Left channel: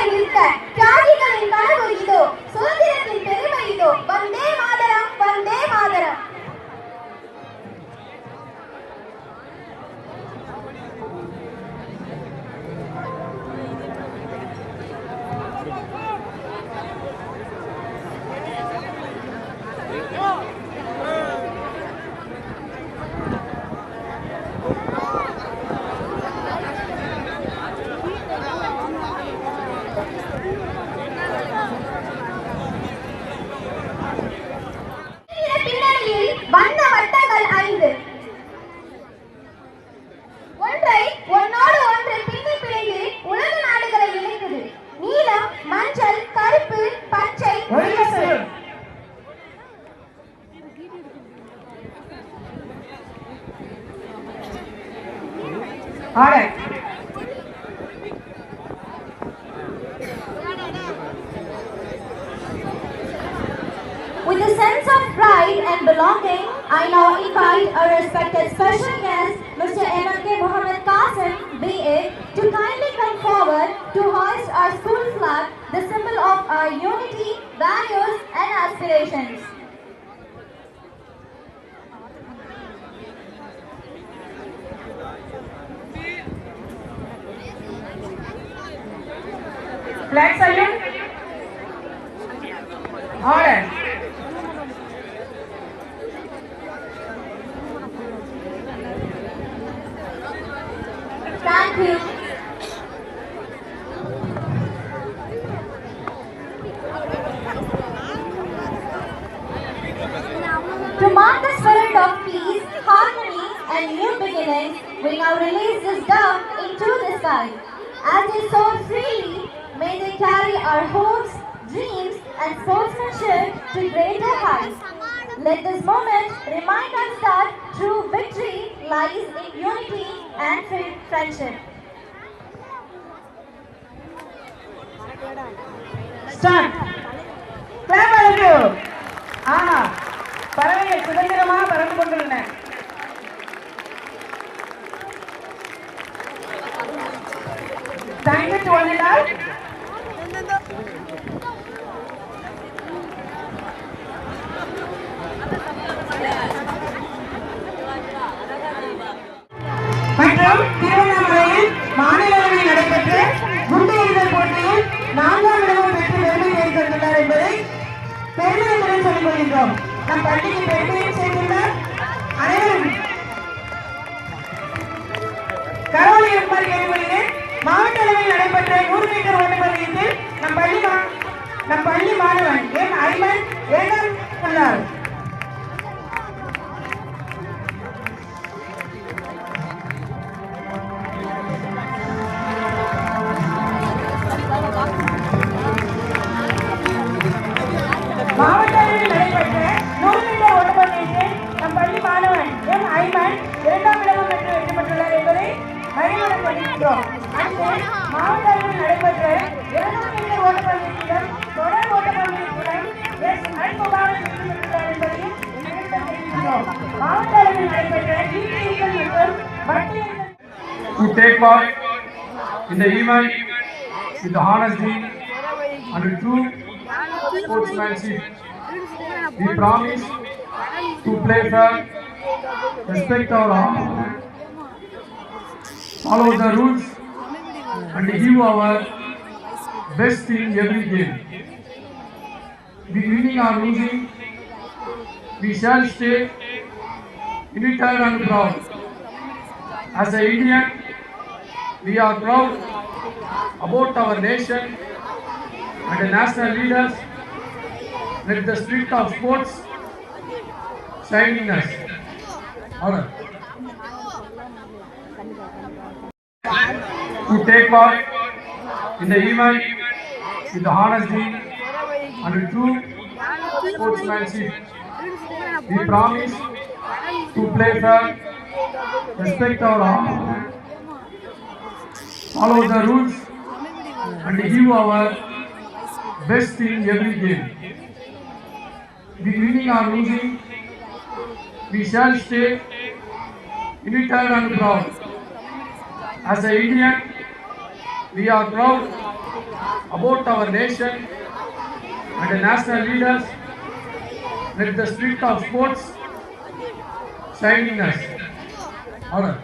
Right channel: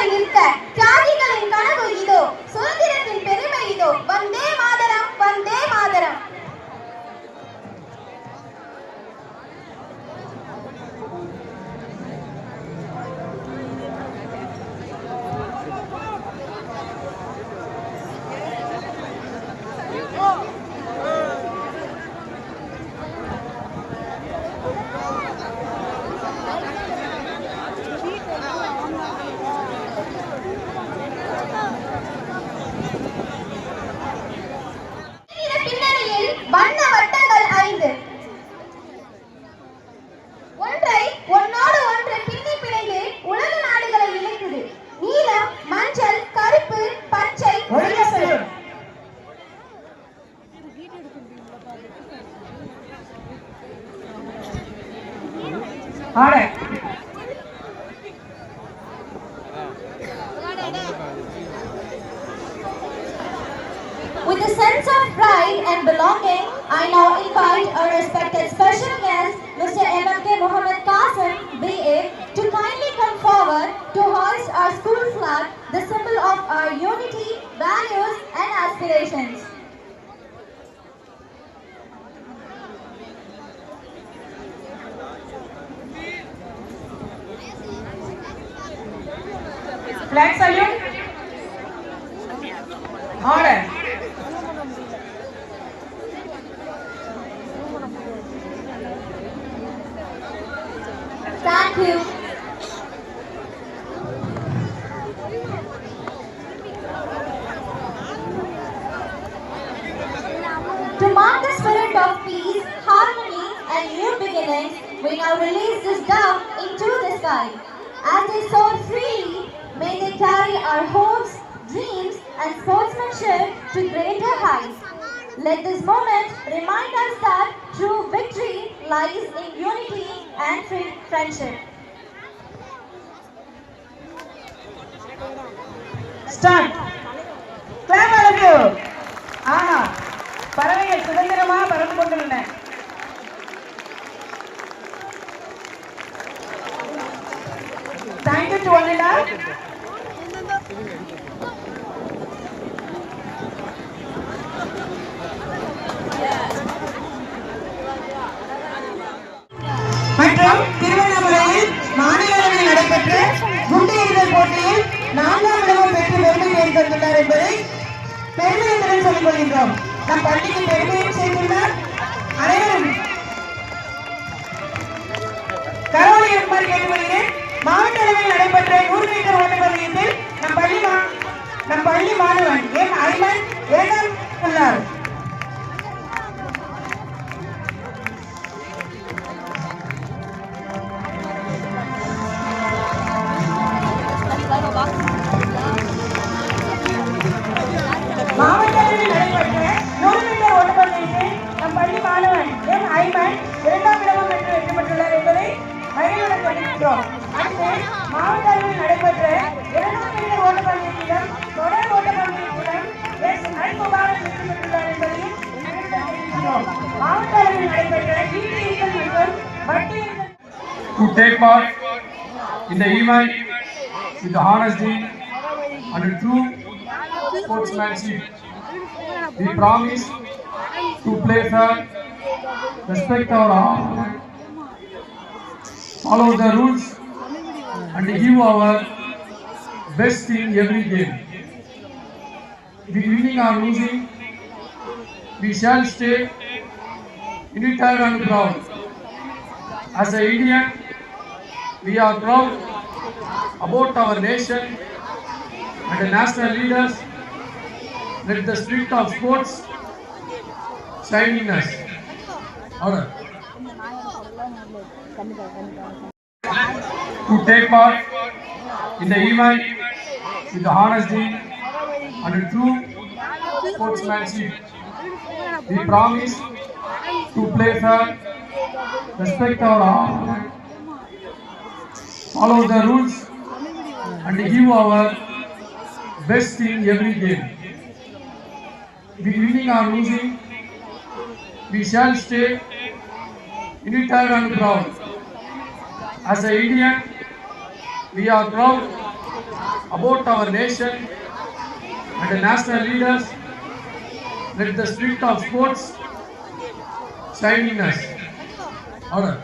தியாகிகளை நிறுத்த தியாகிகளின் கனவு இதோ சுதந்திரத்தின் பெருமை இதோ வந்தே மாதரம் வந்தே Mataram. All right. With a sense of pride and belonging, I now invite our respected special guest, Mr. M.K. Mohammed Qasim, B.A., to kindly come forward to hoist our school flag, the symbol of our unity, values, and aspirations. Flag salute. Order. Thank you. To mark the spirit of peace, harmony, and new beginnings, we now release this dove into the sky. As they soar freely, may they carry our hopes, dreams, and sportsmanship to greater heights. Let this moment remind us that true victory lies in unity and friendship. Start. Clap. பறவைகள் சுதந்திரமாக பறந்து கொண்டுள்ளன. Thank you to one and all. மற்றும் திருவண்ணாமலையில் மாநிலங்களவையில் நடைபெற்ற குண்டு எறிதல் போட்டியில் 4ஆம் இடமும் பெற்று பெருமை சேர்த்துள்ளார் என்பதை பெருமையுடன் சொல்லிக் கொள்கின்றோம். நம் பள்ளிக்கு பெருமையும் சேர்த்துள்ளார். அனைவரும் கரவொலி ஏற்பாடு கேட்டுக்கொள்கிறேன். மாவட்ட அளவில் நடைபெற்ற 100 மீட்டர் ஓட்டப்பந்தயத்தில் நம் பள்ளி மாணவன் எம் ஐமன் 7ஆம் உள்ளார். மாவட்ட அளவில் நடைபெற்ற 100 மீட்டர் ஓட்டப்பந்தயத்தில் நம் பள்ளி மாணவன் எம் ஐமன் 2ஆம் இடம் பெற்று வெற்றி பெற்றுள்ளார் என்பதை மகிழ்வுடன் தெரிவிக்கிறோம். மாவட்ட அளவில் நடைபெற்ற 200 மீட்டர் ஓட்டப்பந்தயத்திலும் தொடர் ஓட்டப்பந்தயத்திலும் எஸ் ஐகோபாலன் வெற்றி பெற்றுள்ளார் என்பதையும் தெரிவிக்கிறோம். மாவட்ட அளவில் நடைபெற்ற ஈட்டிகள் மற்றும் வட்டியல் to take part in the event with the honesty and a true sportsmanship. We promise to play fair, respect our honor, follow the rules, and give our best in every game. With winning or losing, we shall stay united and proud. As an Indian, we are proud about our nation and the national leaders. Let the spirit of sports shine in us. Alright. To take part in the event with the honesty and a true sportsmanship, we promise to play fair, respect our honor, follow the rules, and give our best in every game. With winning or losing, we shall stay united and proud. As an Indian, we are proud about our nation and the national leaders. Let the spirit of sports shine in us. All right.